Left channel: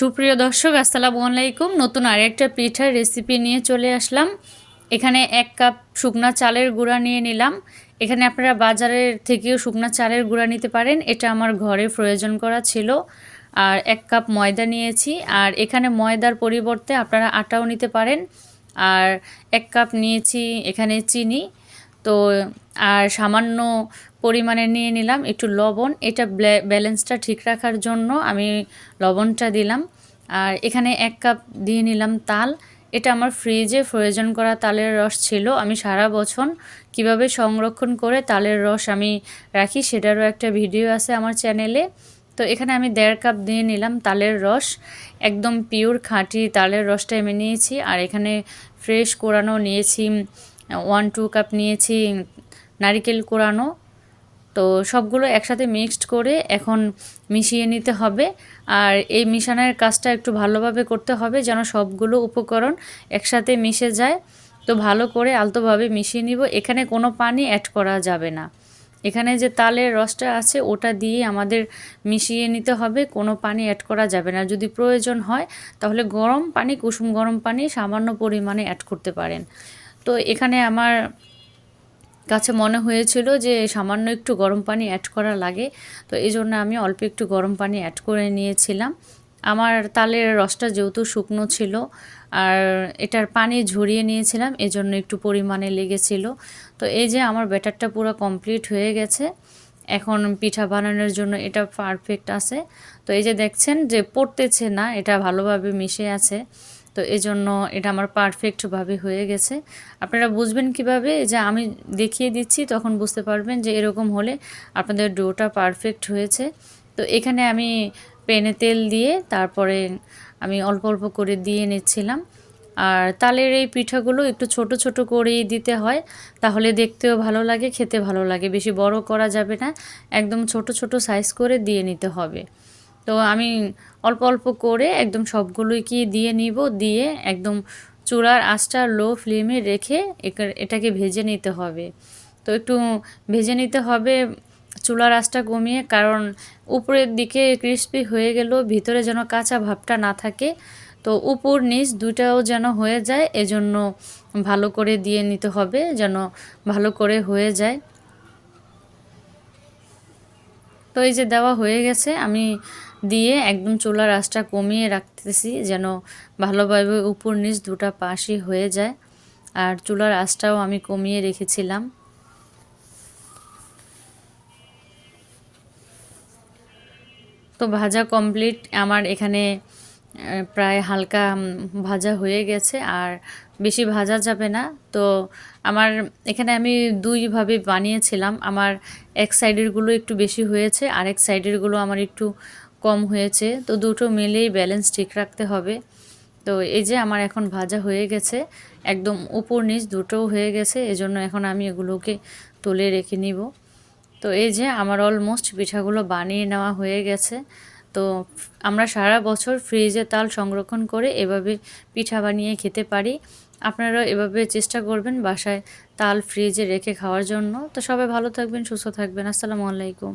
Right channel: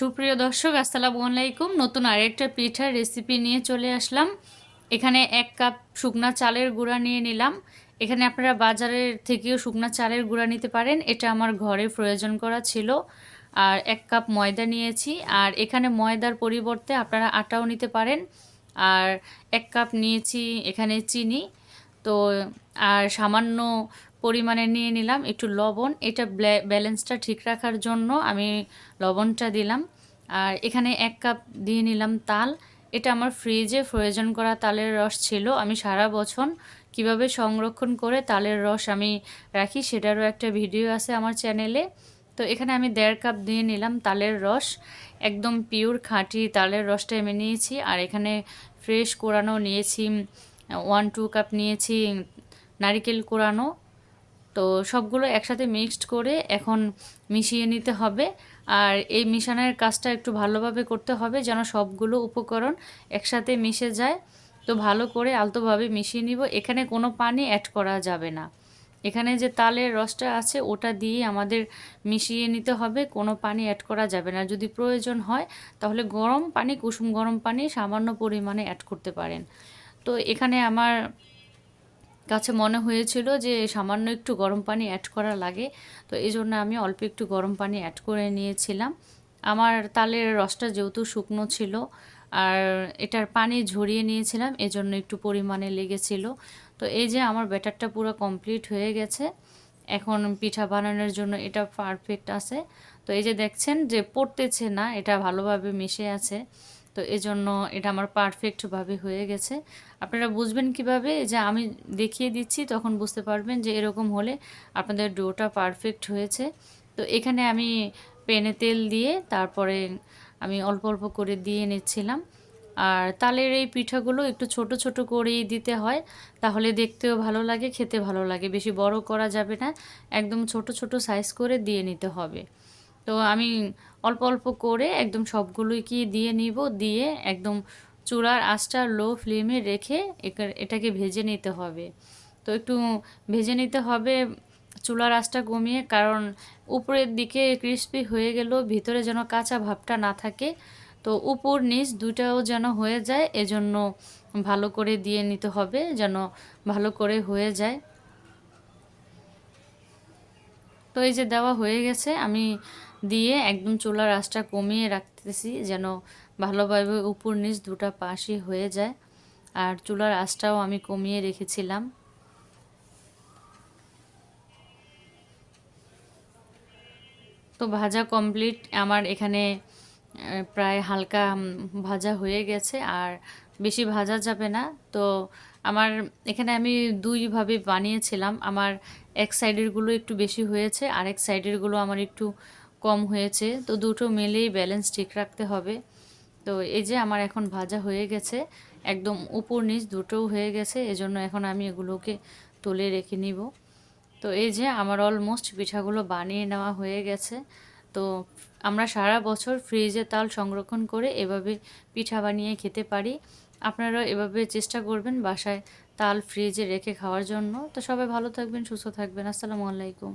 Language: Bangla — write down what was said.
সুপ্রিয় দর্শক, আসসালামু আলাইকুম। নতুন আরেকটা পিঠার রেসিপি নিয়ে চলে আসলাম। এখানে 1 কাপ শুকনা চালের গুঁড়া নিয়ে নিলাম। এখানে আপনারা বাজারের থেকেও শুকনা চালের গুঁড়া নিতে পারেন, এটা আমার ঘরে প্রয়োজন করা ছিল। আর 1 কাপ ময়দা নিয়েছি, আর এখানে ময়দার পরিবর্তে আপনারা আটাও নিতে পারেন। আর 1 কাপ নিয়েছি এখানে চিনি। তো আর সামান্য পরিমাণে নিয়ে নিলাম একটু লবণ, এটা ব্যালেন্সটা ঠিক রাখার জন্য আমি লবণটা দিলাম। আর এখানে 1 কাপ দিয়ে নিলাম তাল, এটা আমার ফ্রিজে প্রয়োজন করা তালের রস ছিল। আমি সারা বছর কিভাবে সংরক্ষণ করে তালের রস আমি রাখি সেটারও একটা ভিডিও আছে আমার চ্যানেলে। তো এখানে আমি 1.5 কাপ দিয়ে নিলাম তালের রস, একদম পিওর খাঁটি তালের রসটা আমি নিয়েছি। আর এখানে ফ্রেশ কোরানো নিয়েছি 1-2 কাপ নিয়েছি নারিকেল কোরানো। তো সবগুলো একসাথে মিক্সড করে এখন মিশিয়ে নিতে হবে। আর এই মিশানোর কাজটা একটু ভালোভাবে করতে হবে যেন সবগুলো উপকরণ একসাথে মিশে যায়। তো ভালো করে আলতোভাবে মিশিয়ে নিব। এখানে কোনো পানি অ্যাড করা যাবে না। এখানে যে তালের রসটা আছে ওটা দিয়ে আমাদের মিশিয়ে নিতে হবে, কোনো পানি অ্যাড করা যাবে না। যদি প্রয়োজন হয় তাহলে গরম পানি, কুসুম গরম পানি সামান্য পরিমাণে অ্যাড করতে পারেন। তো এখানে আমার কাছে মনে হয়েছিল যে সামান্য একটু গরম পানি অ্যাড করা লাগে, তো এই জন্য আমি অল্প একটু গরম পানি অ্যাড করে নিয়েছিলাম। আমার তালের রসটা যেহেতু শুকনো ছিল আর এটার পানি ঝরিয়ে নিয়েছিলাম, এজন্য একটু পরিমাণে লেগেছিল। তো এই যে আমার ব্যাটারটা পুরো কমপ্লিট হয়ে গেছে। এখন পিঠা বানানোর জন্য এটা পারফেক্ট আছে। তো এই যে দেখছেন যে পড়তেছে না, এটা ভালোভাবে মিশে আছে। তো এজন্য এটা আমার পারফেক্টভাবে হয়ে গেছে। আপনারা বুঝবেন কিভাবে? যে আমি দেখিয়ে দিচ্ছি তখন বুঝতে পারবেন যে এরকম হলে আপনাদের ডোটা পারফেক্ট হয়েছে। তো এখানে আমি প্যানে তেল দিয়ে তারপরে আমি অল্প অল্প করে দিয়ে নিচ্ছিলাম। আর তালের এই পিঠাগুলো একটু ছোট ছোট করেই দিতে হয়, তাহলে দেখতেও ভালো লাগে, খেতে ভালো লাগে। বেশি বড় করা যাবে না, একদম ছোট ছোট সাইজ করে দিয়ে নিতে হবে। তো আমি অল্প অল্প করে একদম সবগুলোই কি দিয়ে নিব, দিয়ে একদম চূড়ার আঁচটা লো ফ্লেমে রেখে এটাকে ভেজে নিতে হবে। তো একটু ভেজে নিতে হবে চুলার আঁচটা কমিয়ে, কারণ উপরের দিকে ক্রিস্পি হয়ে গেলেও ভিতরে যেন কাঁচা ভাবটা না থাকে। তো উপর নিচ দুটাও যেন হয়ে যায়, এজন্য ভালো করে দিয়ে নিতে হবে যেন ভালো করে হয়ে যায়। তো এই যে দেওয়া হয়ে গেছে, আমি দিয়ে একদম চুলার আঁচটা কমিয়ে রাখতেছি যেন ভালোভাবে উপর নিচ দুটা পাশই হয়ে যায়। আর চুলার আঁচটাও আমি কমিয়ে রেখেছিলাম। তো ভাজা কমপ্লিট আমার এখানে, প্রায় হালকা ভাজা হয়ে গেছে, আর বেশি ভাজা যাবে না। তো আমার এখানে আমি দুইভাবে বানিয়েছিলাম, আমার এক সাইডেরগুলো একটু বেশি হয়েছে, আরেক সাইডেরগুলো আমার একটু কম হয়েছে। তো দুটো মিলেই ব্যালেন্স ঠিক রাখতে হবে। তো এই যে আমার এখন ভাজা হয়ে গেছে, একদম উপর নিচ দুটোও হয়ে গেছে, এজন্য এখন আমি এগুলোকে তুলে রেখে নিব। তো এই যে আমার অলমোস্ট পিঠাগুলো বানিয়ে নেওয়া হয়ে গেছে। তো আমরা সারা বছর ফ্রিজে তাল সংরক্ষণ করে এভাবে পিঠা বানিয়ে খেতে পারি। আপনারা এভাবে চেষ্টা করবেন বাসায় তাল ফ্রিজে রেখে খাওয়ার জন্য। তো সবাই ভালো থাকবেন, সুস্থ থাকবেন। আসসালামু আলাইকুম।